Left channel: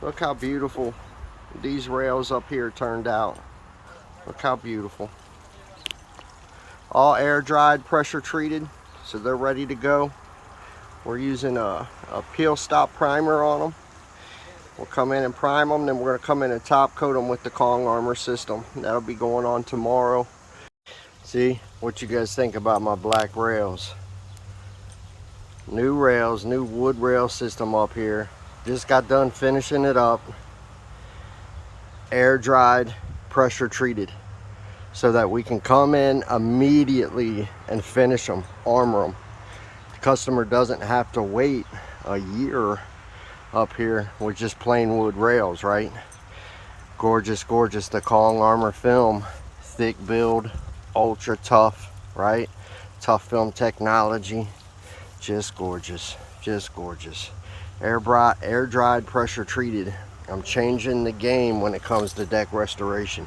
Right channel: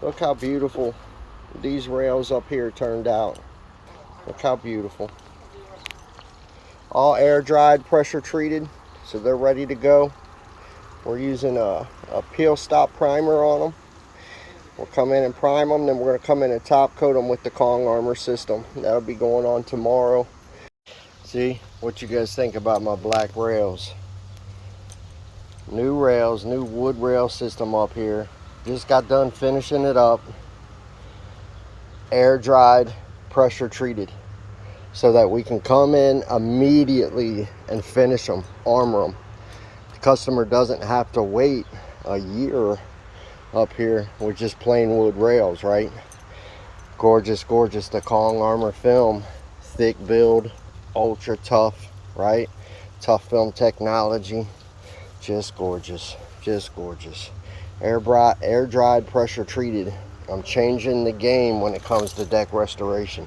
Look how beautiful these rails up here turned out. Look how beautiful. All air dried, pressure treated, so they're ready to go. We're using a peel stop primer on them. We'll come in and prime them, then we're going to come in and top coat them with the Kong armor system. That'll be going on tomorrow. See what you guys think about my black rails. New rails, new wood rail system up here. Just got done finishing it up. Air dried, pressure treated, so that we can come in immediately and finish them, armor them. The customer doesn't have to wait a year up here with just plain wood rails, right? Gorgeous, gorgeous. The Kong armor film, thick build, ultra tough, right? Tough film technology. Just gorgeous, just gorgeous. Air dried, pressure treated. I'm changing the game when it comes to deck restoration.